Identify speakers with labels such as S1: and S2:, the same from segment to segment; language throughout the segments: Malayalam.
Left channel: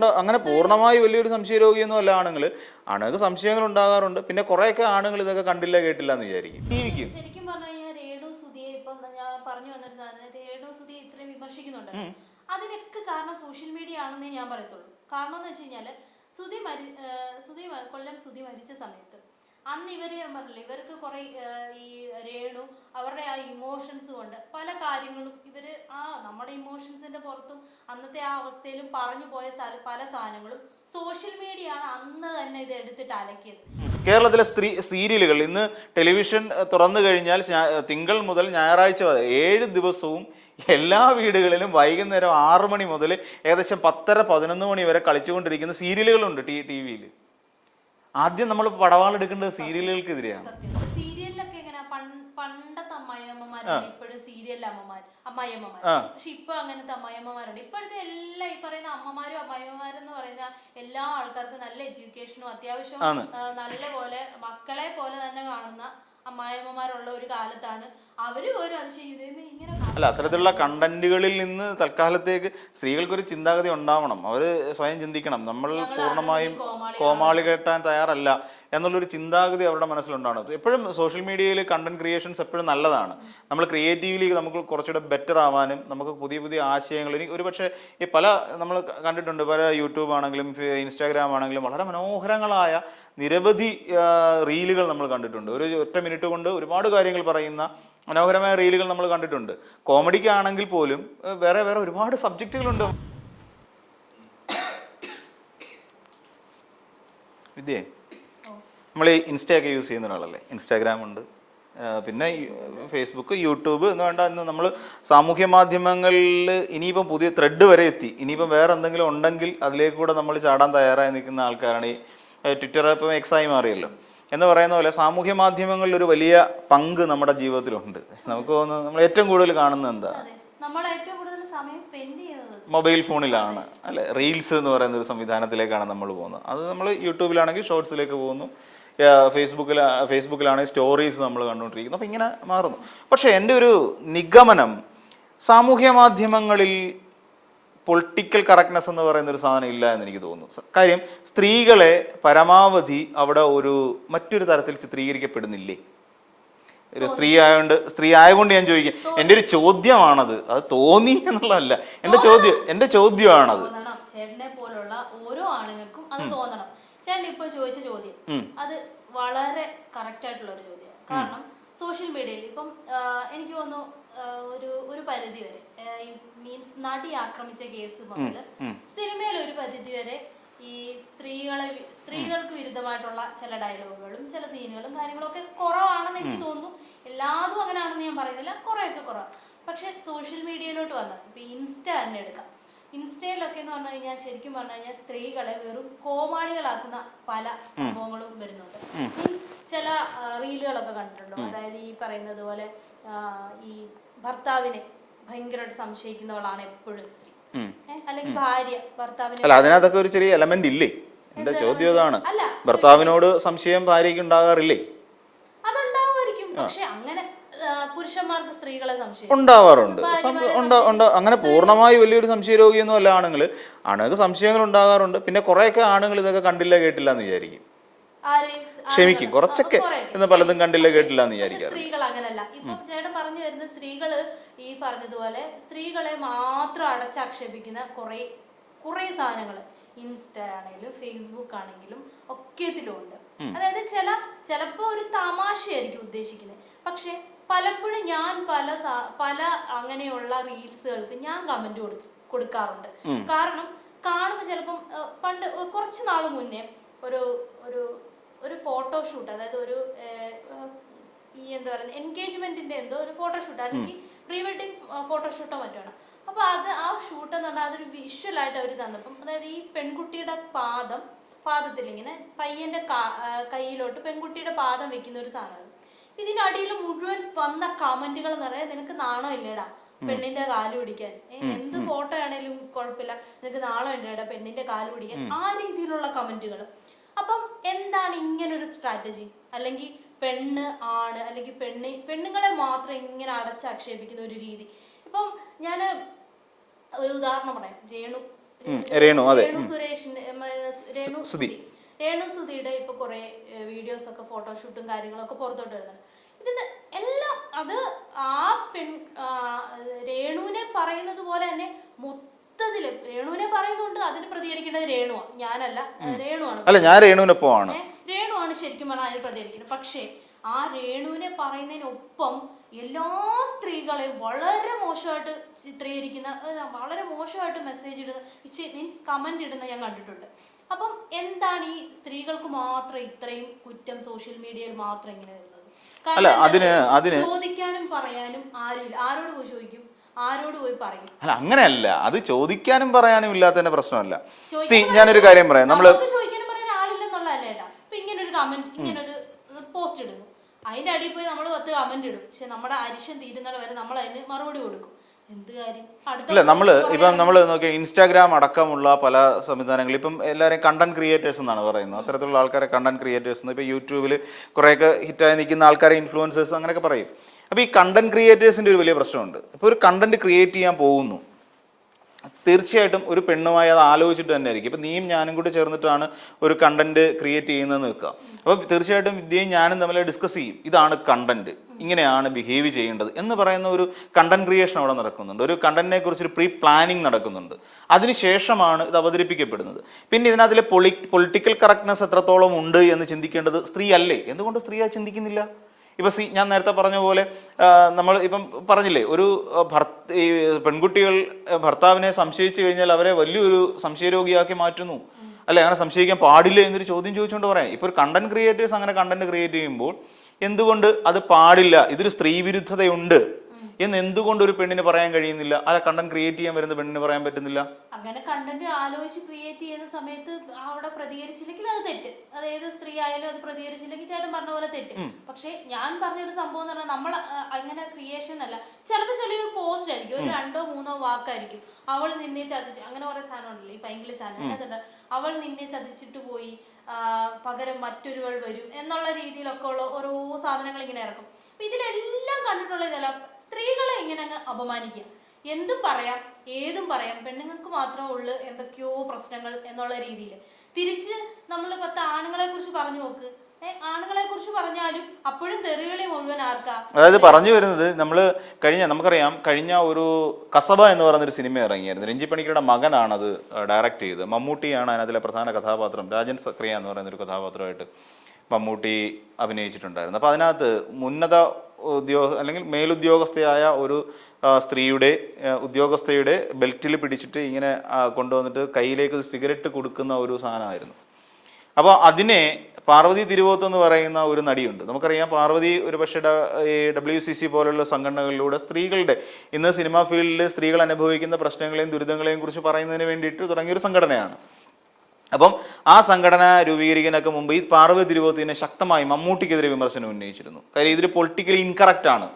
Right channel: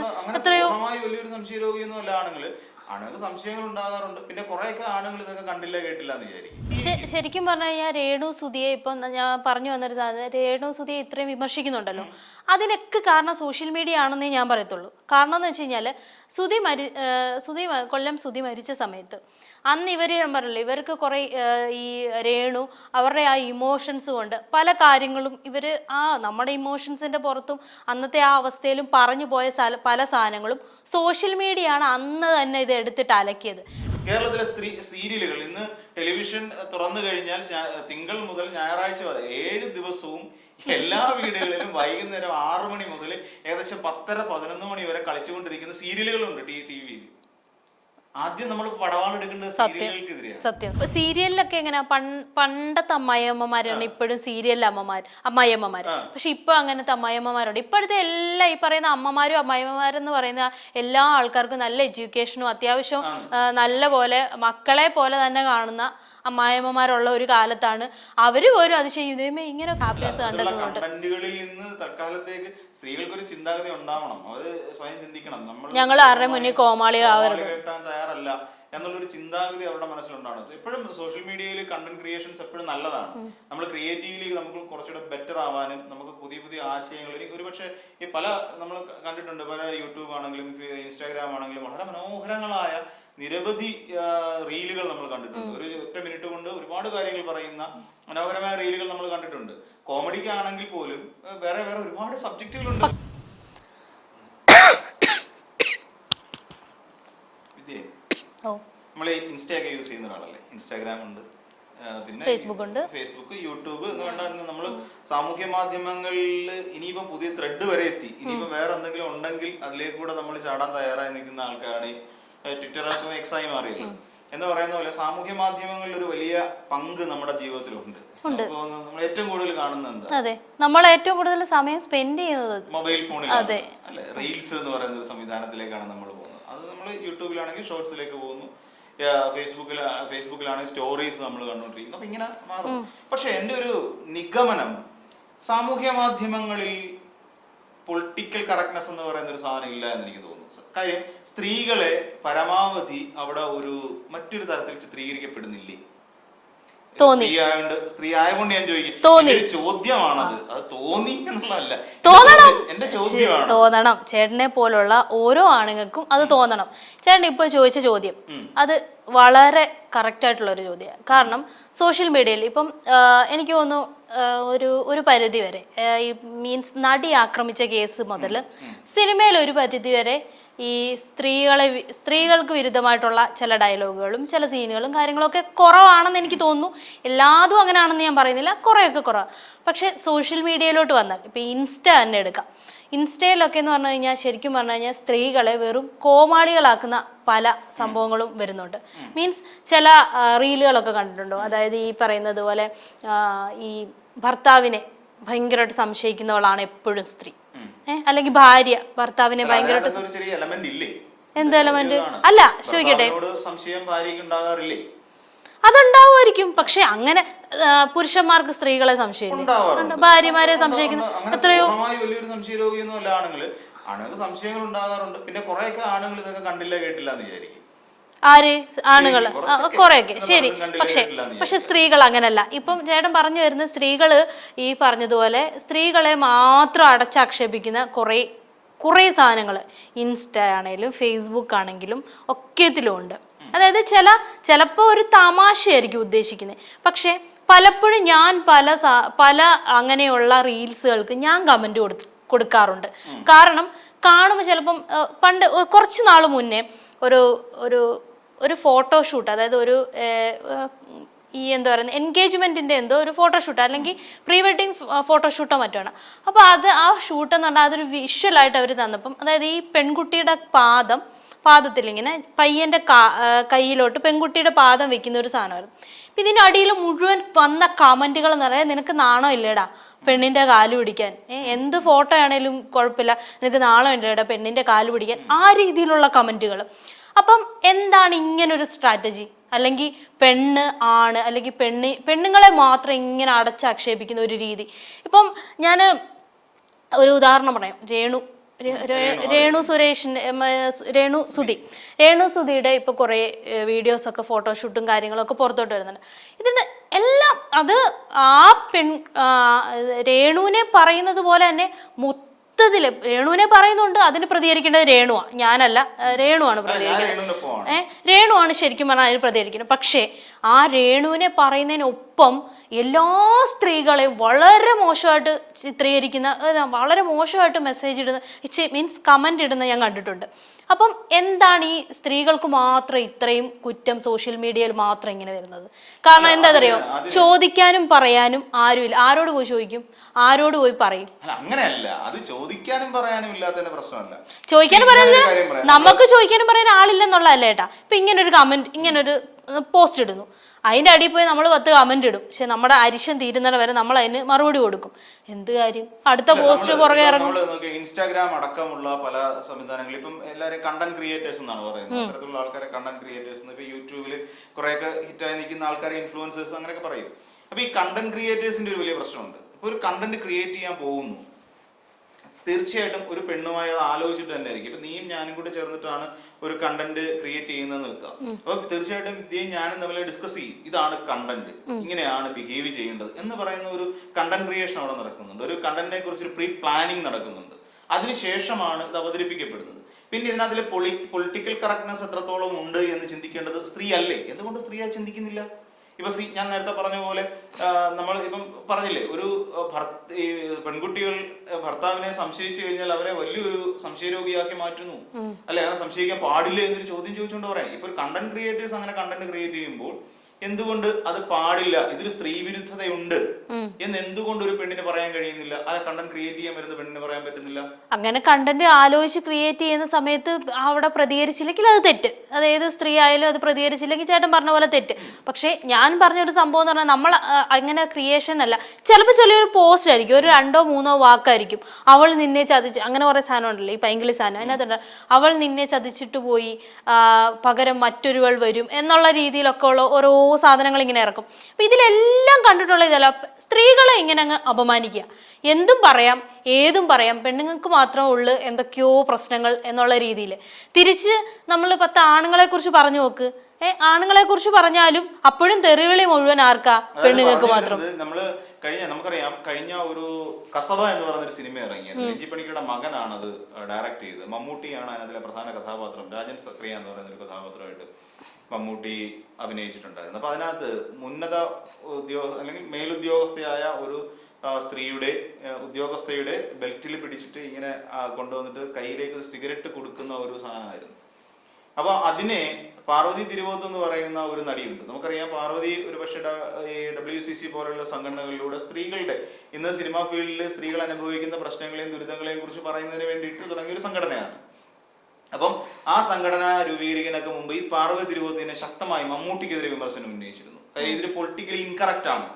S1: അതുകൊണ്ട് അങ്ങനെ പൂർണമായി വലിയൊരു സംശയ രോഗിയൊന്നും അല്ല ആണുങ്ങൾ ആണുങ്ങൾക്ക് സംശയങ്ങൾ ഉണ്ടാകാറുണ്ട് പിന്നെ കുറെയൊക്കെ ആണുങ്ങൾ ഇതൊക്കെ കണ്ടില്ല കേട്ടില്ല എന്ന് വിചാരിക്കും.
S2: ശരിക്കും പറഞ്ഞു കഴിഞ്ഞാൽ രേണു സുധിയെ ഇപ്പം ഞാൻ പറഞ്ഞു വന്നൊരു സാധനം രേണു സുധിയെ ഇത്രയും വിമർശിക്കുന്നുണ്ടല്ലോ. അതിനൊക്കെ കാരണം സോഷ്യൽ മീഡിയ ആണെന്നേ ഞാൻ പറയത്തുള്ളൂ. കാരണം എന്ന് വെച്ച് കഴിഞ്ഞാൽ സുധി മരി സുതി സുധി കൊല്ലം സുധി മരിച്ച സമയത്ത് അന്ന് ഇവർ ഞാൻ പറഞ്ഞില്ല ഇവർക്ക് കുറേ ഈ രേണു അവരുടെ ആ ഇമോഷൻസ് കൊണ്ട് പല കാര്യങ്ങളും ഇവർ ആ നമ്മുടെ ഇമോഷൻസിന്റെ പുറത്തും അന്നത്തെ ആ അവസ്ഥയിലും പറഞ്ഞു പോയ പല സാധനങ്ങളും സോഷ്യൽ മീഡിയ ആണ് അന്ന് തന്നെ ഇത് എടുത്തിട്ട് അലക്കിയത്.
S1: കേരളത്തിലെ സ്ത്രീ സീരിയലുകൾ ഇന്ന് ടെലിവിഷൻ തുറന്നു കഴിഞ്ഞാൽ തിങ്കൾ മുതൽ ഞായറാഴ്ച വരെ ഏഴ് ദിവസവും എല്ലാ വീടുകളിലും വൈകുന്നേരം ആറു മണി മുതൽ ഏകദേശം പത്തര പതിനൊന്ന് മണി വരെ കളിച്ചുകൊണ്ടിരിക്കുന്ന സീരിയലുകളുണ്ട് ടി ടി വിയിൽ ആദ്യം നമ്മൾ പടവാളെടുക്കേണ്ടത് സീരിയലുകൾക്കെതിരെയാണ്.
S2: സത്യം. ഇപ്പൊ സീരിയലിലൊക്കെ എങ്ങനെയാ പണ്ടത്തെ അമ്മായിയമ്മമാരാണ് ഇപ്പോഴും സീരിയലിലെ അമ്മമാർ അമ്മായിയമ്മമാർ പക്ഷെ ഇപ്പൊ അങ്ങനത്തെ അമ്മായിയമ്മമാരുണ്ട്. ഇപ്പോഴത്തെ എല്ലാ ഈ പറയുന്ന അമ്മമാരും അമ്മായിയമ്മമാരെന്ന് പറയുന്ന എല്ലാ ആൾക്കാർക്കും നല്ല എഡ്യൂക്കേഷനും അത്യാവശ്യം നല്ല പോലെ മക്കളെ പോലെ തന്നെ കാണുന്ന അമ്മായിയമ്മമാരുള്ള ഒരു കാലത്താണ് അവർ പോലും അത് ചെയ്യുന്നതുമേ ഇങ്ങനെ
S1: അല്ല അത്തരത്തിലുള്ള കണ്ടന്റുകളിൽ നിന്ന് തൽക്കാലത്തേക്ക് സ്ത്രീകൾക്കൊരു ചിന്താഗതി ഉണ്ടാവണം. അവർ സ്വയം ചിന്തിക്കണം. നമ്മൾ
S2: ഞങ്ങൾ ആരുടെ മുന്നിൽ കോമാളി
S1: കോമാളി കെട്ടാൻ തയ്യാറല്ല എന്നുള്ളൊരു ചിന്താഗതി അവരുടെ മനസ്സിലുണ്ടാവണം. എപ്പോഴും സോഷ്യൽ മീഡിയയിൽ കണ്ടന്റ് ക്രിയേഷൻസ് എപ്പോഴും നല്ലതാണ്. നമ്മൾ ക്രിയേറ്റീവ്ലി നമുക്ക് കുറച്ചുകൂടെ ബെറ്റർ ആവാനും നമുക്ക് പുതിയ പുതിയ ആശയങ്ങൾ ഇനി ഒരു പക്ഷേ ഈ പല നമ്മൾ കണ്ടിട്ടുണ്ട്. പല യൂട്യൂബ് ആണെങ്കിലും ഇൻസ്റ്റാഗ്രാം ആണെങ്കിലും വളരെ മനോഹരങ്ങളായ നിരവധി റീലുകൾ നമ്മൾ കണ്ടിട്ടുണ്ട്. ഒരു ഒറ്റ മിനിറ്റ് കൊണ്ട് ഒരുപാട് കാര്യങ്ങൾ പറയുന്ന മനോഹരമായ റീലുകൾ നമ്മൾ കണ്ടിട്ടുണ്ട്. കോമഡിക്കാണെങ്കിൽ പോലും വേറെ വേറെ ഒരുപാട് സബ്ജക്റ്റുകളുണ്ട്. വിദ്യേ നമ്മൾ ഈ ഇൻസ്റ്റയൊക്കെ യൂസ് ചെയ്യുന്ന ഒരാളല്ലേ? ഇൻസ്റ്റാഗ്രാം ഉണ്ട്. പിന്നെ ഫേസ്ബുക്ക് യൂട്യൂബ് എന്ന് വേണ്ട ഇന്ന് നമ്മൾ സാമൂഹ്യ മാധ്യമങ്ങളിൽ ഇനിയിപ്പം പുതിയ ത്രെഡ് വരെ എത്തി. ഇനിയിപ്പം വേറെ എന്തെങ്കിലും ഉണ്ടെങ്കിൽ അതിലേക്കൂടെ നമ്മൾ ചാടാൻ തയ്യാറായി നിൽക്കുന്ന ആൾക്കാരാണ് ഈ ട്വിറ്റർ ഇപ്പം എക്സായി മാറിയല്ലോ. എന്ന് പറയുന്ന പോലെ സാമൂഹ്യ മാധ്യമങ്ങളിൽ ഒരു വലിയ പങ്ക് നമ്മുടെ ജീവിതത്തിലുണ്ട്. നമുക്ക് തോന്നുന്നു നമ്മൾ ഏറ്റവും കൂടുതൽ കാണുന്നത് എന്താ?
S2: അതെ. നമ്മൾ ഏറ്റവും കൂടുതൽ സമയം സ്പെൻഡ് ചെയ്യുന്നത്
S1: മൊബൈൽ ഫോണിലാണ്. അല്ലെ? റീൽസ് എന്ന് പറയുന്ന ഒരു സംവിധാനത്തിലേക്കാണ് നമ്മൾ പോകുന്നത്. അത് നമ്മൾ യൂട്യൂബിലാണെങ്കിൽ ഷോർട്സിലേക്ക് പോകുന്നു. ഫേസ്ബുക്കിൽ ഫേസ്ബുക്കിലാണെങ്കിൽ സ്റ്റോറീസ് നമ്മൾ കണ്ടുകൊണ്ടിരിക്കുന്നു. അപ്പം ഇങ്ങനെ മാറുന്നു. പക്ഷേ എന്റെ ഒരു നിഗമനം സാമൂഹ്യ മാധ്യമങ്ങളിൽ പൊളിറ്റിക്കൽ കറക്റ്റ്നെസ് എന്ന് പറയുന്ന ഒരു സാധനം ഇല്ല എന്ന് എനിക്ക് തോന്നുന്നു. കാര്യം സ്ത്രീകളെ പരമാവധി അവിടെ ഒരു മറ്റൊരു തരത്തിൽ ചിത്രീകരിക്കപ്പെടുന്നില്ലേ? സ്ത്രീ ആയതുകൊണ്ട് സ്ത്രീ ആയതുകൊണ്ട് ഞാൻ ചോദിക്കും എന്റെ ഒരു ചോദ്യമാണത്? അത് തോന്നി എന്നുള്ളതല്ല. എന്റെ ചോദ്യമാണ്?
S2: തോന്നണം. ചേട്ടനെ പോലുള്ള ഓരോ ആണുങ്ങൾക്കും അത് തോന്നണം. ചേട്ടൻ ഇപ്പൊ ചോദിച്ച ചോദ്യം അത് വളരെ കറക്റ്റ് ആയിട്ടുള്ള ഒരു ചോദ്യമാണ്. കാരണം സോഷ്യൽ മീഡിയയിൽ ഇപ്പം എനിക്ക് തോന്നുന്നു ഒരു ഒരു പരിധി വരെ ഈ മീൻസ് നടി ആക്രമിച്ച കേസ് മുതൽ സിനിമയിൽ ഒരു പരിധി വരെ ഈ സ്ത്രീകളെ സ്ത്രീകൾക്ക് വിരുദ്ധമായിട്ടുള്ള ചില ഡയലോഗുകളും ചില സീനുകളും കാര്യങ്ങളൊക്കെ കുറവാണെന്ന് എനിക്ക് തോന്നുന്നു. എല്ലാതും അങ്ങനെയാണെന്ന് ഞാൻ പറയുന്നില്ല കുറേയൊക്കെ കുറവാണ് പക്ഷേ സോഷ്യൽ മീഡിയയിലോട്ട് വന്നാൽ ഇപ്പം ഇൻസ്റ്റ തന്നെ എടുക്കാം. ഇൻസ്റ്റയിലൊക്കെ എന്ന് പറഞ്ഞു കഴിഞ്ഞാൽ ശരിക്കും പറഞ്ഞു കഴിഞ്ഞാൽ സ്ത്രീകളെ വെറും കോമാളികളാക്കുന്ന പല സംഭവങ്ങളും വരുന്നുണ്ട്. മീൻസ് ചില റീലുകളൊക്കെ കണ്ടിട്ടുണ്ടോ? അതായത് ഈ പറയുന്നത് പോലെ ഈ ഭർത്താവിനെ ഭയങ്കരമായിട്ട് സംശയിക്കുന്നവളാണ് എപ്പോഴും സ്ത്രീ. ഏഹ് അല്ലെങ്കിൽ ഭാര്യ ഭർത്താവിനെ
S1: ചെറിയ എലമെന്റ്
S2: അല്ല,
S1: സംശയം ഭാര്യയ്ക്ക് ഉണ്ടാകാറില്ലേ?
S2: അതുണ്ടാവുമായിരിക്കും. പക്ഷെ അങ്ങനെ പുരുഷന്മാർക്ക് സ്ത്രീകളെ സംശയം
S1: ഉണ്ടാവാറുണ്ട്. അങ്ങനെ പൂർണമായി വലിയൊരു സംശയ രോഗിയൊന്നും അല്ല ആണുങ്ങൾ ആണുങ്ങൾക്ക് സംശയങ്ങൾ ഉണ്ടാകാറുണ്ട്. പിന്നെ കുറെയൊക്കെ ആണുങ്ങൾ ഇതൊക്കെ കണ്ടില്ല കേട്ടില്ല എന്ന് വിചാരിക്കും.
S2: ആര്? പക്ഷെ സ്ത്രീകൾ അങ്ങനല്ല. ഇപ്പം ചേട്ടൻ പറഞ്ഞു വരുന്ന സ്ത്രീകൾ ഈ പറഞ്ഞതുപോലെ സ്ത്രീകളെ മാത്രം അടച്ചാക്ഷേപിക്കുന്ന കുറെ കുറേ സാധനങ്ങൾ ഇൻസ്റ്റ ആണെങ്കിലും ഫേസ്ബുക്ക് ആണെങ്കിലും ഒക്കെത്തിലും ഉണ്ട് അതായത് ചില ചിലപ്പോൾ ഒരു തമാശയായിരിക്കും ഉദ്ദേശിക്കുന്നത് പക്ഷെ പലപ്പോഴും ഞാൻ പല പല അങ്ങനെയുള്ള റീൽസുകൾക്ക് ഞാൻ കമന്റ് കൊടുത്ത് കൊടുക്കാറുണ്ട്. കാരണം കാണുമ്പോൾ ചിലപ്പം പണ്ട് കുറച്ച് നാൾ മുന്നേ ഒരു ഒരു ഒരു ഫോട്ടോഷൂട്ട് അതായത് ഒരു ഈ എന്താ പറയുന്നത് എൻഗേജ്മെന്റിന്റെ എന്തോ ഒരു ഫോട്ടോഷൂട്ട് അല്ലെങ്കിൽ പ്രീ വെഡിങ് ഫോട്ടോഷൂട്ടോ മറ്റാണ്. അപ്പോൾ അത് ആ ഷൂട്ട് എന്ന് പറഞ്ഞാൽ അതൊരു വിഷ്വൽ ആയിട്ട് അവർ തന്നപ്പം അതായത് ഈ പെൺകുട്ടിയുടെ പാദം പാദത്തിൽ ഇങ്ങനെ പയ്യന്റെ കയ്യിലോട്ട് പെൺകുട്ടിയുടെ പാദം വെക്കുന്ന ഒരു സാധനമായിരുന്നു. ഇതിന്റെ അടിയിൽ മുഴുവൻ വന്ന കമന്റുകൾ എന്ന് പറയാൻ നിനക്ക് നാണോ ഇല്ലേടാ പെണ്ണിന്റെ കാൽ പിടിക്കാൻ. എന്ത് ഫോട്ടോ ആണേലും കുഴപ്പമില്ല. നിനക്ക് നാണോ ഇല്ലേടാ പെണ്ണിന്റെ കാൽ പിടിക്കാൻ. ആ രീതിയിലുള്ള കമന്റുകൾ. അപ്പം എന്താണ് ഇങ്ങനൊരു സ്ട്രാറ്റജി അല്ലെങ്കിൽ പെണ്ണ് ആണ് അല്ലെങ്കിൽ പെണ്ണ് പെണ്ണുങ്ങളെ മാത്രം ഇങ്ങനെ അടച്ചാക്ഷേപിക്കുന്ന ഒരു രീതി. ഇപ്പം ഞാൻ ഒരു ഉദാഹരണം പറയാം. രേണു.
S1: രേണു,
S2: സുരേഷിന്റെ രേണു സുധി. രേണു സുധിയുടെ ഇപ്പൊ കുറെ വീഡിയോസ് ഒക്കെ ഫോട്ടോഷൂട്ടും കാര്യങ്ങളൊക്കെ പുറത്തോട്ട് വരുന്നുണ്ട്. ഇതിന്റെ എല്ലാം അത് ആ പെൺ രേണുവിനെ പറയുന്നത് പോലെ തന്നെ മൊത്തത്തിൽ രേണുവിനെ പറയുന്നുണ്ട് അതിന് പ്രതികരിക്കേണ്ടത് രേണുവാ. ഞാനല്ല രേണുവാണ് രേണുവാണ് ശരിക്കും പറഞ്ഞാൽ അതിന് പ്രതികരിക്കുന്നത്. പക്ഷേ ആ രേണുവിനെ പറയുന്നതിനൊപ്പം എല്ലാ സ്ത്രീകളെയും വളരെ മോശമായിട്ട് ചിത്രീകരിക്കുന്ന വളരെ മോശമായിട്ട് മെസ്സേജ് ഇടുന്ന മീൻസ് കമന്റ് ഇടുന്ന ഞാൻ കണ്ടിട്ടുണ്ട്. അപ്പം എന്താണ് ഈ സ്ത്രീകൾക്ക് മാത്രം ഇത്രയും കുറ്റം സോഷ്യൽ മീഡിയയിൽ മാത്രം ഇങ്ങനെ വരുന്നത്? കാരണം എന്താ
S1: പറയുക
S2: ചോദിക്കാനും പറയാനും ആരുമില്ല. ആരോട് പോയി ചോദിക്കും? ആരോട് പോയി പറയും?
S1: അല്ല അങ്ങനെയല്ല. അത് ചോദിക്കാനും പറയാനും ഇല്ലാത്തതിന്റെ പ്രശ്നമല്ല.
S2: ചോദിക്കാനും
S1: ഞാനൊരു കാര്യം പറയാം. നമ്മൾ
S2: നമുക്ക് ചോദിക്കാനും പറയാൻ ആളില്ലെന്നുള്ളതല്ല ഏട്ടാ. ഇപ്പൊ ഇങ്ങനെ ഒരു കമന്റ് ഇങ്ങനെ ഒരു പോസ്റ്റ് ഇടുന്നു. അതിന്റെ അടിയിൽ പോയി നമ്മൾ പത്ത് കമന്റ് ഇടും. പക്ഷെ നമ്മുടെ അരിശം തീരുന്നത് വരെ നമ്മൾ അതിന് മറുപടി കൊടുക്കും. എന്ത് കാര്യം? അടുത്ത
S1: അല്ല നമ്മൾ
S2: പോസ്റ്റ്
S1: ഇപ്പം നമ്മൾ ഇൻസ്റ്റാഗ്രാം അടക്കമുള്ള പല സംവിധാനങ്ങളിൽ ഇപ്പം എല്ലാവരും കണ്ടന്റ് ക്രിയേറ്റേഴ്സ് എന്നാണ് പറയുന്നത്. അത്തരത്തിലുള്ള ആൾക്കാരെ കണ്ടന്റ് ക്രിയേറ്റേഴ്സ് ഇപ്പൊ യൂട്യൂബിൽ കുറെയൊക്കെ ഹിറ്റായി നിൽക്കുന്ന ആൾക്കാരെ ഇൻഫ്ലുവൻസേഴ്സ് അങ്ങനെയൊക്കെ പറയും. അപ്പൊ ഈ കണ്ടന്റ് ക്രിയേറ്റേഴ്സിന്റെ ഒരു വലിയ പ്രശ്നമുണ്ട്. ഇപ്പോൾ ഒരു കണ്ടന്റ് ക്രിയേറ്റ് ചെയ്യാൻ പോകുന്നു. തീർച്ചയായിട്ടും ഒരു പെണ്ണുമായി അത് ആലോചിച്ചിട്ട് തന്നെ ആയിരിക്കും. ഇപ്പം നീയും ഞാനും കൂടി ചേർന്നിട്ടാണ് ഒരു കണ്ടന്റ് ക്രിയേറ്റ് ചെയ്യുന്നതെന്ന് വെക്കുക. അപ്പോൾ തീർച്ചയായിട്ടും വിദ്യയും ഞാനും തമ്മിൽ ഡിസ്കസ് ചെയ്യും. ഇതാണ് കണ്ടന്റ് ഇങ്ങനെയാണ് ബിഹേവ് ചെയ്യേണ്ടത് എന്ന് പറയുന്ന ഒരു കണ്ടന്റ് ക്രിയേഷൻ അവിടെ നടക്കുന്നുണ്ട്. ഒരു കണ്ടന്റിനെ കുറിച്ച് ഒരു പ്രീ പ്ലാനിങ് നടക്കുന്നുണ്ട് അതിനുശേഷമാണ് ഇത് അവതരിപ്പിക്കപ്പെടുന്നത്. പിന്നെ ഇതിനകത്തിലെ പൊളി പൊളിറ്റിക്കൽ കറക്റ്റ്നെസ് എത്രത്തോളം ഉണ്ട് എന്ന് ചിന്തിക്കേണ്ടത് സ്ത്രീ അല്ലേ? എന്തുകൊണ്ട് സ്ത്രീ അത് ചിന്തിക്കുന്നില്ല? ഇപ്പൊ സി ഞാൻ നേരത്തെ പറഞ്ഞ പോലെ നമ്മൾ ഇപ്പം പറഞ്ഞില്ലേ ഒരു ഭർത്ത ഈ പെൺകുട്ടികൾ ഭർത്താവിനെ സംശയിച്ചു കഴിഞ്ഞാൽ അവരെ വലിയൊരു സംശയരോഗിയാക്കി മാറ്റുന്നു. അല്ലെ അങ്ങനെ സംശയിക്കാൻ പാടില്ല എന്നൊരു ചോദ്യം ചോദിച്ചുകൊണ്ട് പറയാം. ഇപ്പൊ ഒരു കണ്ടന്റ് ക്രിയേറ്റേഴ്സ് അങ്ങനെ കണ്ടന്റ് ക്രിയേറ്റ് ചെയ്യുമ്പോൾ എന്തുകൊണ്ട് അത് പാടില്ല? ഇതൊരു സ്ത്രീ വിരുദ്ധതയുണ്ട് എന്ന് എന്തുകൊണ്ട് ഒരു പെണ്ണിന് പറയാൻ കഴിയുന്നില്ല? അല്ല കണ്ടന്റ് ക്രിയേറ്റ് ചെയ്യാൻ വരുന്ന പെണ്ണിന് പറയാൻ പറ്റുന്നില്ല?
S2: അങ്ങനെ കണ്ടന്റ് ആലോചിച്ച് ക്രിയേറ്റ് ചെയ്യുന്ന സമയത്ത് അവിടെ പ്രതികരിച്ചില്ലെങ്കിൽ അത് തെറ്റ്. അതായത് സ്ത്രീ ആയാലും അത് പ്രതികരിച്ചില്ലെങ്കിൽ ചേട്ടൻ പറഞ്ഞ പോലെ തെറ്റ്. പക്ഷേ ഞാൻ പറഞ്ഞൊരു സംഭവം എന്ന് പറഞ്ഞാൽ നമ്മൾ അങ്ങനെ ക്രിയേഷൻ അല്ല. ചിലപ്പോൾ ചെറിയൊരു പോസ്റ്റ് ആയിരിക്കും. ഒരു രണ്ടോ മൂന്നോ വാക്കായിരിക്കും. അവൾ നിന്നെ ചതിച്ച് അങ്ങനെ കുറേ സാധനം ഉണ്ടല്ലോ ഈ പൈങ്കിളി സാധനം. അതിനകത്തുണ്ട്. അവൾ നിന്നെ ചതിച്ചിട്ട് പോയി പകരം മറ്റൊരുവൾ വരും എന്നുള്ള രീതിയിലൊക്കെ ഉള്ള ഓരോ സാധനങ്ങൾ ഇങ്ങനെ ഇറക്കും. അപ്പൊ ഇതിലെല്ലാം കണ്ടിട്ടുള്ള ഇതല്ല സ്ത്രീകളെ ഇങ്ങനെ അങ്ങ് അപമാനിക്കുക. എന്തും പറയാം ഏതും പറയാം പെണ്ണുങ്ങൾക്ക് മാത്രമേ ഉള്ളു എന്തൊക്കെയോ പ്രശ്നങ്ങൾ എന്നുള്ള രീതിയിൽ തിരിച്ച് നമ്മൾ പത്ത് ആണുങ്ങളെ കുറിച്ച് പറഞ്ഞു നോക്ക്. ഏ ആണുങ്ങളെ കുറിച്ച് പറഞ്ഞാലും അപ്പോഴും തെറിവിളി മുഴുവൻ ആർക്കാ?
S1: അതായത് പറഞ്ഞു വരുന്നത് നമ്മൾ കഴിഞ്ഞ നമുക്കറിയാം കഴിഞ്ഞ ഒരു കസബ എന്ന് പറയുന്ന ഒരു സിനിമ ഇറങ്ങിയായിരുന്നു. രഞ്ജി പണിക്കരുടെ മകനാണ് അത് ഡയറക്റ്റ് ചെയ്തത്. മമ്മൂട്ടിയാണ് അതിലെ പ്രധാന കഥാപാത്രം. രാജൻ സക്രിയ എന്ന് പറയുന്ന ഒരു കഥാപാത്രമായിട്ട്. മമ്മൂട്ടി അഭിനയിച്ചിട്ടുണ്ടായിരുന്നു. അപ്പോൾ അതിനകത്ത് ഉന്നത ഉദ്യോഗ അല്ലെങ്കിൽ മേലുദ്യോഗസ്ഥയായ ഒരു സ്ത്രീയുടെ ഉദ്യോഗസ്ഥയുടെ ബെൽറ്റിൽ പിടിച്ചിട്ട് ഇങ്ങനെ കൊണ്ടുവന്നിട്ട് കയ്യിലേക്ക് സിഗരറ്റ് കൊടുക്കുന്ന ഒരു സാധനമായിരുന്നു. അപ്പോൾ അതിനെ പാർവതി തിരുവോത്ത് എന്ന് പറയുന്ന ഒരു നടിയുണ്ട്. നമുക്കറിയാം പാർവതി ഒരു പക്ഷേ ഈ ഡബ്ല്യു സി സി പോലുള്ള സംഘടനകളിലൂടെ സ്ത്രീകളുടെ ഇന്ന് സിനിമാ ഫീൽഡിൽ സ്ത്രീകൾ അനുഭവിക്കുന്ന പ്രശ്നങ്ങളെയും ദുരിതങ്ങളെയും കുറിച്ച് പറയുന്നതിന് വേണ്ടിയിട്ട് തുടങ്ങിയ ഒരു സംഘടനയാണ്. അപ്പം ആ സംഘടന രൂപീകരിക്കുന്നതിനൊക്കെ മുമ്പ് ഈ പാർവതി തിരുവോത്തിനെ ശക്തമായി മമ്മൂട്ടിക്കെതിരെ വിമർശനം ഉന്നയിച്ചിരുന്നു. കാര്യം ഇതിൽ പൊളിറ്റിക്കലി ഇൻകറക്റ്റ് ആണ്.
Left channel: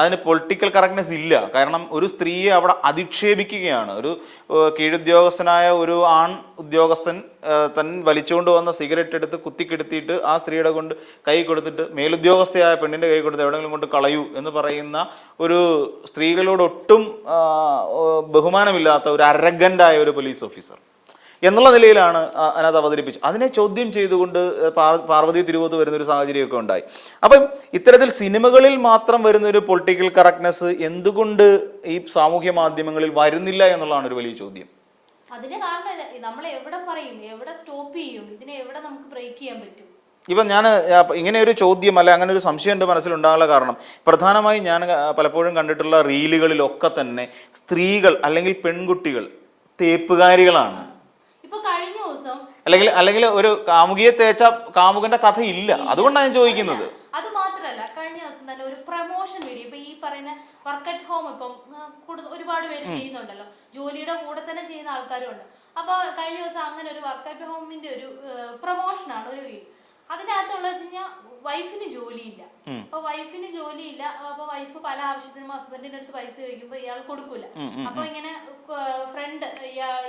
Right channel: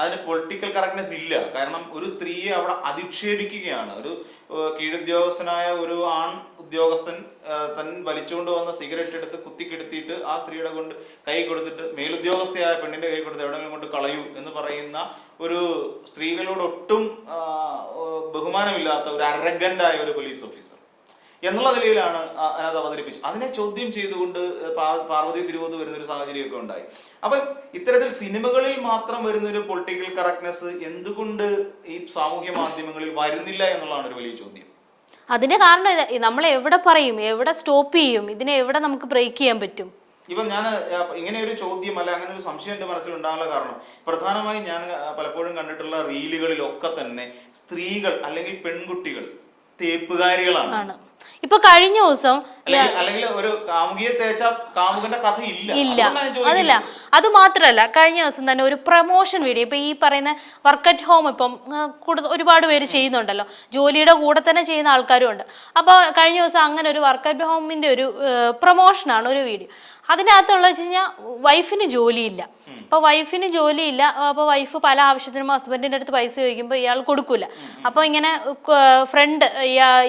S1: അതിന് പൊളിറ്റിക്കൽ കറക്റ്റ്നെസ് ഇല്ല. കാരണം ഒരു സ്ത്രീയെ അവിടെ അധിക്ഷേപിക്കുകയാണ്. ഒരു കീഴുദ്യോഗസ്ഥനായ ഒരു ആൺ ഉദ്യോഗസ്ഥൻ തൻ വലിച്ചുകൊണ്ട് വന്ന സിഗരറ്റ് എടുത്ത് കുത്തിക്കെടുത്തിയിട്ട് ആ സ്ത്രീയുടെ കൊണ്ട് കൈ കൊടുത്തിട്ട് മേലുദ്യോഗസ്ഥയായ പെണ്ണിന്റെ കൈ കൊടുത്ത് എവിടെങ്കിലും കൊണ്ട് കളയൂ എന്ന് പറയുന്ന ഒരു സ്ത്രീകളോട് ഒട്ടും ബഹുമാനമില്ലാത്ത ഒരു അരഗന്റായ ഒരു പോലീസ് ഓഫീസർ എന്നുള്ള നിലയിലാണ് അതിനകത്ത് അവതരിപ്പിച്ചത്. അതിനെ ചോദ്യം ചെയ്തുകൊണ്ട് പാർ- പാർവതി തിരുവോത്ത് വരുന്നൊരു സാഹചര്യമൊക്കെ ഉണ്ടായി. അപ്പം ഇത്തരത്തിൽ സിനിമകളിൽ മാത്രം വരുന്നൊരു പൊളിറ്റിക്കൽ കറക്റ്റ്നെസ് എന്തുകൊണ്ട് ഈ സാമൂഹ്യ മാധ്യമങ്ങളിൽ വരുന്നില്ല എന്നുള്ളതാണ് ഒരു വലിയ ചോദ്യം.
S2: അതിന്റെ കാരണം നമ്മൾ എവിടെ പറയും എവിടെ സ്റ്റോപ്പ് ചെയ്യും ഇതിനെ എവിടെ നമുക്ക് ബ്രേക്ക് ചെയ്യാൻ പറ്റും?
S1: ഇപ്പം ഞാൻ ഇങ്ങനെ ഒരു ചോദ്യം അല്ലെ അങ്ങനെ ഒരു സംശയം എന്റെ മനസ്സിലുണ്ടാകാനുള്ള കാരണം പ്രധാനമായും ഞാൻ പലപ്പോഴും കണ്ടിട്ടുള്ള റീലുകളിലൊക്കെ തന്നെ സ്ത്രീകൾ അല്ലെങ്കിൽ പെൺകുട്ടികൾ തേപ്പുകാരികളാണ്.
S2: ഇപ്പൊ കഴിഞ്ഞ ദിവസം
S1: അല്ലെങ്കിൽ അല്ലെങ്കിൽ ഒരു കാമുകിയെ തേച്ച കാമുകന്റെ കഥ ഇല്ല. അതുകൊണ്ടാണ് ചോദിക്കുന്നത്.
S2: അത് മാത്രല്ല കഴിഞ്ഞ ദിവസം തന്നെ ഒരു പ്രൊമോഷൻ വീഡിയോ ഇപ്പൊ ഈ പറയുന്ന വർക്ക് അറ്റ് ഹോം ഇപ്പം ഒരുപാട് പേര് ചെയ്യുന്നുണ്ടല്ലോ. ജോലിയുടെ കൂടെ തന്നെ ചെയ്യുന്ന ആൾക്കാരും ഉണ്ട്. അപ്പൊ കഴിഞ്ഞ ദിവസം അങ്ങനെ ഒരു വർക്ക് അറ്റ് ഹോമിന്റെ ഒരു പ്രൊമോഷനാണ് ഒരു വീഡിയോ അതിനകത്തുള്ള വെച്ച് കഴിഞ്ഞാൽ വൈഫിന് ജോലിയില്ല. അപ്പൊ വൈഫിന് ജോലിയില്ല. അപ്പൊ വൈഫ് പല ആവശ്യത്തിനും ഹസ്ബൻഡിന്റെ അടുത്ത് പൈസ ചോദിക്കുമ്പോൾ ഇയാൾ കൊടുക്കൂല. അപ്പൊ ഇങ്ങനെ ഫ്രണ്ട്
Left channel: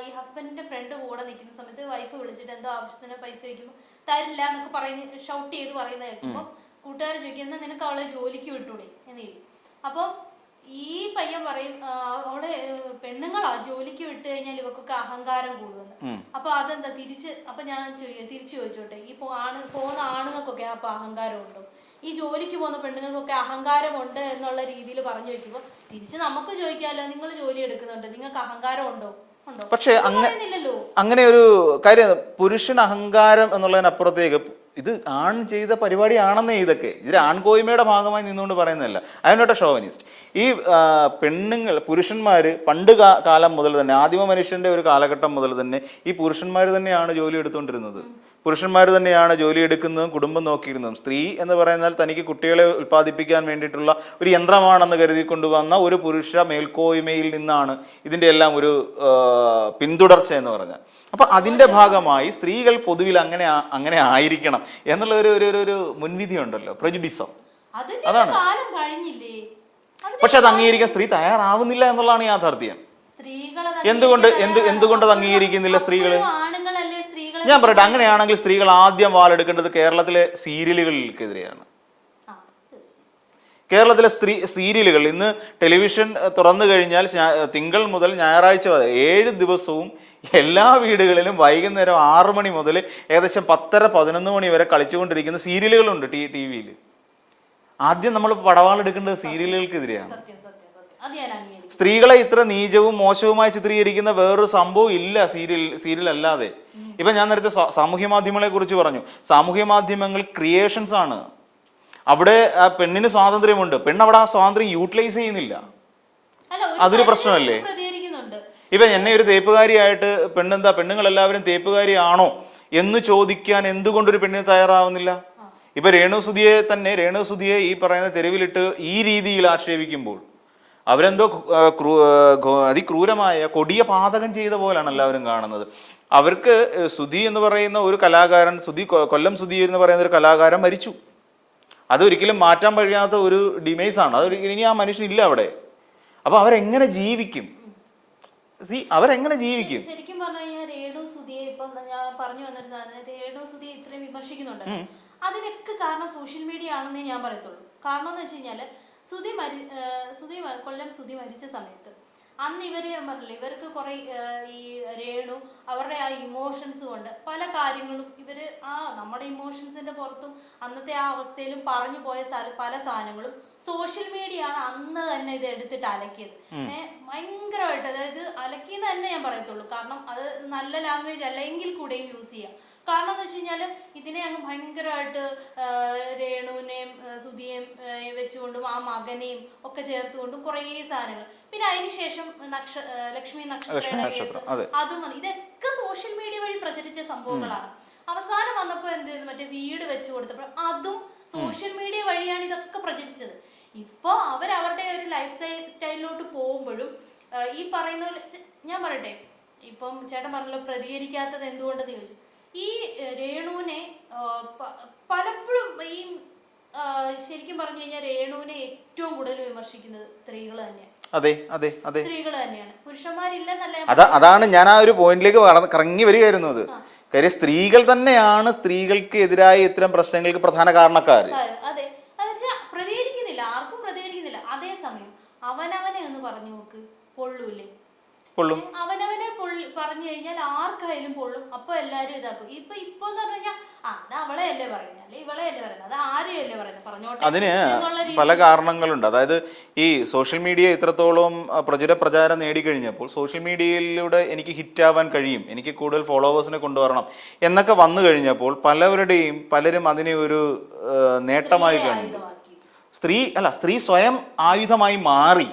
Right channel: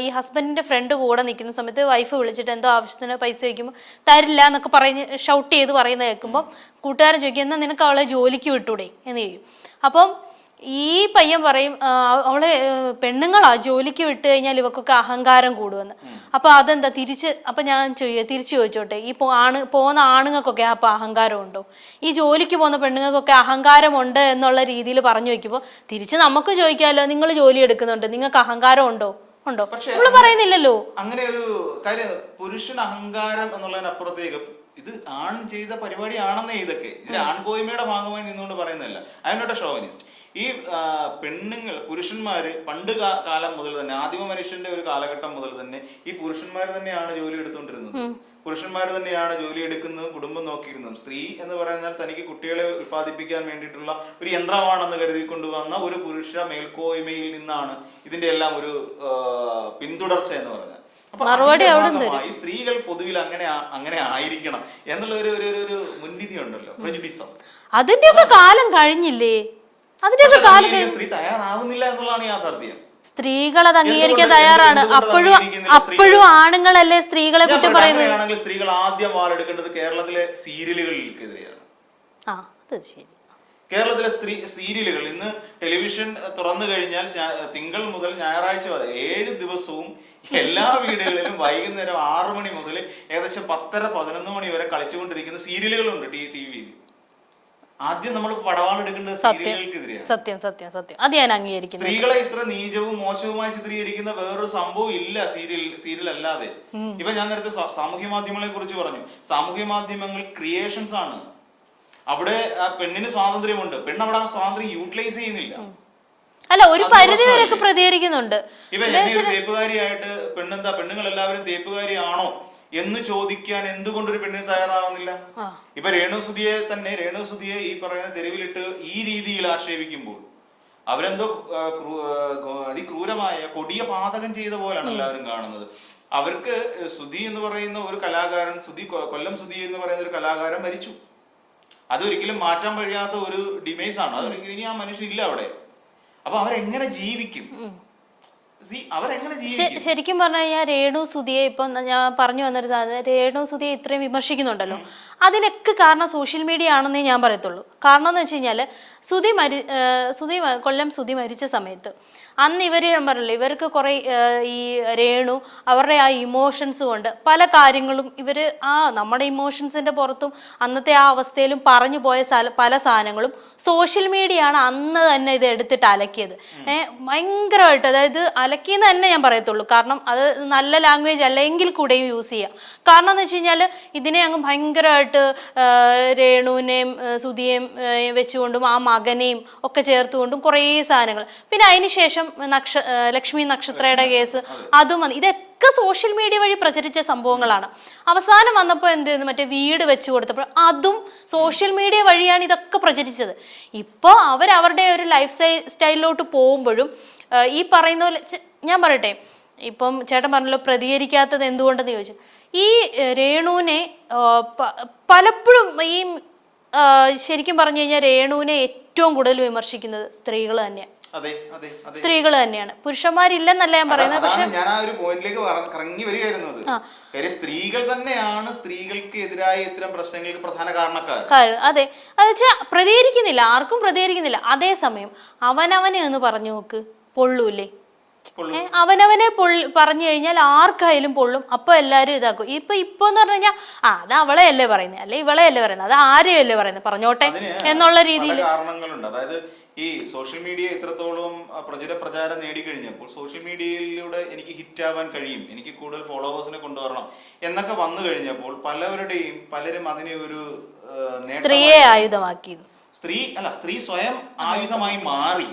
S2: ഈ ഹസ്ബൻഡിന്റെ ഫ്രണ്ട് കൂടെ നിൽക്കുന്ന സമയത്ത് വൈഫ് വിളിച്ചിട്ട് എന്തോ ആവശ്യത്തിന് പൈസ ചോദിക്കുമ്പോൾ തരില്ല എന്നൊക്കെ പറഞ്ഞ് ഷൗട്ട് ചെയ്ത് പറയുന്നത് കേൾക്കുമ്പോൾ കൂട്ടുകാരൻ ചോദിക്കും എന്നാൽ നിനക്ക് അവളെ ജോലിക്ക് വിട്ടൂടെ? എന്ന് ചോദിക്കും. അപ്പം ഈ പയ്യൻ പറയും അവളെ പെണ്ണുങ്ങളാ ജോലിക്ക് വിട്ട് കഴിഞ്ഞാൽ ഇവക്കൊക്കെ അഹങ്കാരം കൂടുവെന്ന്. അപ്പൊ അതെന്താ തിരിച്ച് അപ്പൊ ഞാൻ ചോദിക്കുക തിരിച്ചു ചോദിച്ചോട്ടെ ഈ ആണ് പോകുന്ന ആണുങ്ങൾക്കൊക്കെ അപ്പൊ അഹങ്കാരം ഉണ്ടോ? ഈ ജോലിക്ക് പോകുന്ന പെണ്ണുങ്ങൾക്കൊക്കെ അഹങ്കാരം ഉണ്ട് എന്നുള്ള രീതിയിൽ പറഞ്ഞു വെക്കുമ്പോൾ തിരിച്ച് നമുക്ക് ചോദിക്കാമല്ലോ നിങ്ങൾ ജോലി എടുക്കുന്നുണ്ട് നിങ്ങൾക്ക് അഹങ്കാരം ഉണ്ടോ? ഉണ്ടോ?
S1: പക്ഷേ
S2: പറയുന്നില്ലല്ലോ.
S1: അങ്ങനെ ഒരു കാര്യം പുരുഷൻ അഹങ്കാരം എന്നുള്ളതിനപ്പുറത്തേക്ക് ഇത് ആൺ ചെയ്ത പരിപാടിയാണെന്നേ ഇതൊക്കെ. ഇതിൽ ആൺകോയ്മയുടെ ഭാഗമായി നിന്നുകൊണ്ട് പറയുന്നതല്ല. അതിനോട്ടെ ഷോവനിസ്റ്റ് ഈ പെണ്ണുങ്ങൾ പുരുഷന്മാർ പണ്ട് കാലം മുതൽ തന്നെ ആദിമ മനുഷ്യന്റെ ഒരു കാലഘട്ടം മുതൽ തന്നെ ഈ പുരുഷന്മാർ തന്നെയാണ് ജോലി എടുത്തുകൊണ്ടിരുന്നത്. പുരുഷന്മാർ തന്നെയാണ് ജോലി എടുക്കുന്നതും കുടുംബം നോക്കിയിരുന്നതും. സ്ത്രീ എന്ന് പറയുന്നാൽ തനിക്ക് കുട്ടികളെ ഉൽപ്പാദിപ്പിക്കാൻ വേണ്ടിയിട്ടുള്ള ഒരു യന്ത്രമാണെന്ന് കരുതി കൊണ്ടുവന്ന ഒരു പുരുഷ മേൽക്കോയ്മയിൽ നിന്നാണ് ഇതിന്റെ എല്ലാം ഒരു പിന്തുടർച്ച എന്ന് പറഞ്ഞാൽ. അപ്പൊ അതിന്റെ ഭാഗമായി സ്ത്രീകൾ പൊതുവിൽ അങ്ങനെ അങ്ങനെ ആയിരിക്കണം എന്നുള്ള ഒരു ഒരു മുൻവിധി ഉണ്ടല്ലോ പ്രജുഡിസം.
S2: അതിന്റെ കാലം കഴിഞ്ഞില്ലേ?
S1: പക്ഷെ അത് അംഗീകരിക്കാൻ സ്ത്രീ തയ്യാറാവുന്നില്ല എന്നുള്ളതാണ് യാഥാർത്ഥ്യം.
S2: സ്ത്രീകൾ അത് അംഗീകരിക്കാൻ തയ്യാറാണ്. അപ്പോഴും? ആണുങ്ങളല്ലേ സ്ത്രീകളെ
S1: ഞാൻ പറയട്ടെ അങ്ങനെയാണെങ്കിൽ സ്ത്രീകൾ ആദ്യം വാളെടുക്കേണ്ടത് കേരളത്തിലെ സീരിയലുകൾക്കെതിരെയാണ്. കേരളത്തിലെ സ്ത്രീ സീരിയലുകൾ ഇന്ന് ടെലിവിഷൻ തുറന്നു കഴിഞ്ഞാൽ തിങ്കൾ മുതൽ ഞായറാഴ്ച വരെ ഏഴ് ദിവസവും എല്ലാ വീടുകളിലും വൈകുന്നേരം ആറു മണി മുതൽ ഏകദേശം പത്തര പതിനൊന്ന് മണി വരെ കളിച്ചുകൊണ്ടിരിക്കുന്ന സീരിയലുകളുണ്ട് ടി ടി വിയിൽ ആദ്യം നമ്മൾ പടവാളെടുക്കേണ്ടത് സീരിയലുകൾക്കെതിരെയാണ്.
S2: സത്യം സത്യം സത്യം. അത് ഞാൻ അംഗീകരിക്കുന്നു
S1: സ്ത്രീകളെ ഇത്ര നീചവും മോശവുമായി ചിത്രീകരിക്കുന്ന വേറൊരു സംഭവം ഇല്ല സീരിയൽ സീരിയൽ അല്ലാതെ ഇപ്പൊ ഞാൻ നേരത്തെ സാമൂഹ്യ മാധ്യമങ്ങളെ കുറിച്ച് പറഞ്ഞു. സാമൂഹ്യ മാധ്യമങ്ങൾ ക്രിയേഷൻസ് ആണ്. അവിടെ പെണ്ണിന് സ്വാതന്ത്ര്യമുണ്ട്. പെണ്ണ് അവിടെ ആ സ്വാതന്ത്ര്യം യൂട്ടിലൈസ് ചെയ്യുന്നില്ല.
S2: അല്ല ഒരു പരിധി? പ്രതികരിക്കുന്നുണ്ട്.
S1: ഇപ്പൊ എന്നെ ഒരു തേപ്പുകാരിയായിട്ട് പെണ്ണെന്താ പെണ്ണുങ്ങൾ എല്ലാവരും തേപ്പുകാരിയാണോ എന്ന് ചോദിക്കാൻ എന്തുകൊണ്ടൊരു പെണ്ണിന് തയ്യാറാവുന്നില്ല? ഇപ്പൊ രേണുസുതിയെ തന്നെ രേണുസുതിയെ ഈ പറയുന്ന തെരുവിലിട്ട് ഈ രീതിയിൽ ആക്ഷേപിക്കുമ്പോൾ അവരെന്തോ അതിക്രൂരമായ കൊടിയ പാതകം ചെയ്ത പോലാണ് എല്ലാവരും കാണുന്നത്. അവർക്ക് സുധി എന്ന് പറയുന്ന ഒരു കലാകാരൻ സുധി കൊല്ലം സുധി എന്ന് പറയുന്ന ഒരു കലാകാരൻ മരിച്ചു. അതൊരിക്കലും മാറ്റാൻ കഴിയാത്ത ഒരു ഡിമേസ് ആണ്. അതൊരു ഇനി ആ മനുഷ്യൻ ഇല്ല അവിടെ. അപ്പൊ അവരെങ്ങനെ ജീവിക്കും? അവരെങ്ങനെ ജീവിക്കും?
S2: ശരിക്കും പറഞ്ഞു കഴിഞ്ഞാൽ രേണു സുധിയെ ഇപ്പൊ ഞാൻ പറഞ്ഞു വന്നൊരു സാധനം രേണു സുധിയെ ഇത്രയും വിമർശിക്കുന്നുണ്ടല്ലോ. അതിനൊക്കെ കാരണം സോഷ്യൽ മീഡിയ ആണെന്നേ ഞാൻ പറയത്തുള്ളൂ. കാരണം എന്ന് വെച്ച് കഴിഞ്ഞാൽ സുധി മരി സുധി കൊല്ലം സുധി മരിച്ച സമയത്ത് അന്ന് ഇവർ ഞാൻ പറഞ്ഞില്ല ഇവർക്ക് കുറെ ഈ രേണു അവരുടെ ആ ഇമോഷൻസ് കൊണ്ട് പല കാര്യങ്ങളും ഇവർ ആ നമ്മുടെ ഇമോഷൻസിന്റെ പുറത്തും അന്നത്തെ ആ അവസ്ഥയിലും പറഞ്ഞു പോയ പല സാധനങ്ങളും സോഷ്യൽ മീഡിയ ആണ് അന്ന് തന്നെ ഇത് എടുത്തിട്ട് അലക്കിയത്. ഏഹ് ഭയങ്കരമായിട്ട് അതായത് അലക്കിയെന്ന് തന്നെ ഞാൻ പറയത്തുള്ളൂ. കാരണം അത് നല്ല ലാംഗ്വേജ് അല്ലെങ്കിൽ കൂടെയും യൂസ് ചെയ്യാം. കാരണം എന്ന് വെച്ച് കഴിഞ്ഞാൽ ഇതിനെ അങ്ങ് ഭയങ്കരമായിട്ട് രേണുവിനെയും സുധിയേയും വെച്ചുകൊണ്ടും ആ മകനെയും ഒക്കെ ചേർത്തുകൊണ്ടും കുറേ സാധനങ്ങൾ. പിന്നെ അതിനുശേഷം നക്ഷ ലക്ഷ്മി നക്ഷത്രയുടെ കേസ് അതും. വന്നു. ഇതൊക്കെ സോഷ്യൽ മീഡിയ വഴി പ്രചരിച്ച സംഭവങ്ങളാണ്. അവസാനം വന്നപ്പോൾ എന്ത് ചെയ്തു? മറ്റേ വീട് വെച്ച് കൊടുത്തപ്പോൾ അതും സോഷ്യൽ മീഡിയ വഴിയാണ് ഇതൊക്കെ പ്രചരിച്ചത്. ഇപ്പോൾ അവരവരുടെ ഒരു ലൈഫ് സ്റ്റൈലിലോട്ട് പോകുമ്പോഴും ഈ പറയുന്ന പോലെ ഞാൻ പറയട്ടെ. ഇപ്പം ചേട്ടൻ പറഞ്ഞല്ലോ പ്രതികരിക്കാത്തത് എന്തുകൊണ്ടെന്ന് ചോദിച്ചു. ഈ രേണുവിനെ പലപ്പോഴും ഈ ശരിക്കും പറഞ്ഞു കഴിഞ്ഞാൽ രേണുവിനെ ഏറ്റവും കൂടുതൽ വിമർശിക്കുന്നത് സ്ത്രീകൾ തന്നെയാണ്
S1: അതെ അതെ അതെ.
S2: സ്ത്രീകൾ തന്നെയാണ്. പുരുഷന്മാരില്ലെന്നല്ല ഞാൻ
S1: അതാണ് ഞാൻ ആ ഒരു പോയിന്റിലേക്ക് കറങ്ങി വരികയായിരുന്നു അത്. കാര്യം സ്ത്രീകൾ തന്നെയാണ് സ്ത്രീകൾക്ക് എതിരായ ഇത്തരം പ്രശ്നങ്ങൾക്ക് പ്രധാന കാരണക്കാർ
S2: അതെ. അത് വെച്ചാൽ പ്രതികരിക്കുന്നില്ല ആർക്കും പ്രതികരിക്കുന്നില്ല. അതേസമയം അവനവനെ എന്ന് പറഞ്ഞു നോക്ക്. പൊള്ളൂല്ലേ? അവനവനെ പറഞ്ഞു കഴിഞ്ഞാൽ ആർക്കായാലും പൊള്ളും. അപ്പൊ എല്ലാരും ഇതാക്കും. ഇപ്പൊ ഇപ്പൊ എന്ന് പറഞ്ഞു കഴിഞ്ഞാൽ ആ അത് അവളെ അല്ലേ പറയുന്നത്. അല്ലെ ഇവളെ അല്ലേ പറയുന്നത്. അത് ആരെയും അല്ലേ പറയുന്നത്? പറഞ്ഞോട്ടെ എന്നുള്ള രീതിയിൽ.
S1: പല കാരണങ്ങളുണ്ട്. അതായത് ഈ സോഷ്യൽ മീഡിയ ഇത്രത്തോളം പ്രചുര പ്രചാരം നേടിക്കഴിഞ്ഞപ്പോൾ സോഷ്യൽ മീഡിയയിലൂടെ എനിക്ക് ഹിറ്റ് ആവാൻ കഴിയും. എനിക്ക് കൂടുതൽ ഫോളോവേഴ്സിനെ കൊണ്ടുവരണം എന്നൊക്കെ വന്നു കഴിഞ്ഞപ്പോൾ പലവരുടെയും പലരും അതിനെ ഒരു നേട്ടമായി
S2: ആയുധമാക്കി.
S1: സ്ത്രീ അല്ല സ്ത്രീ സ്വയം ആയുധമായി മാറി.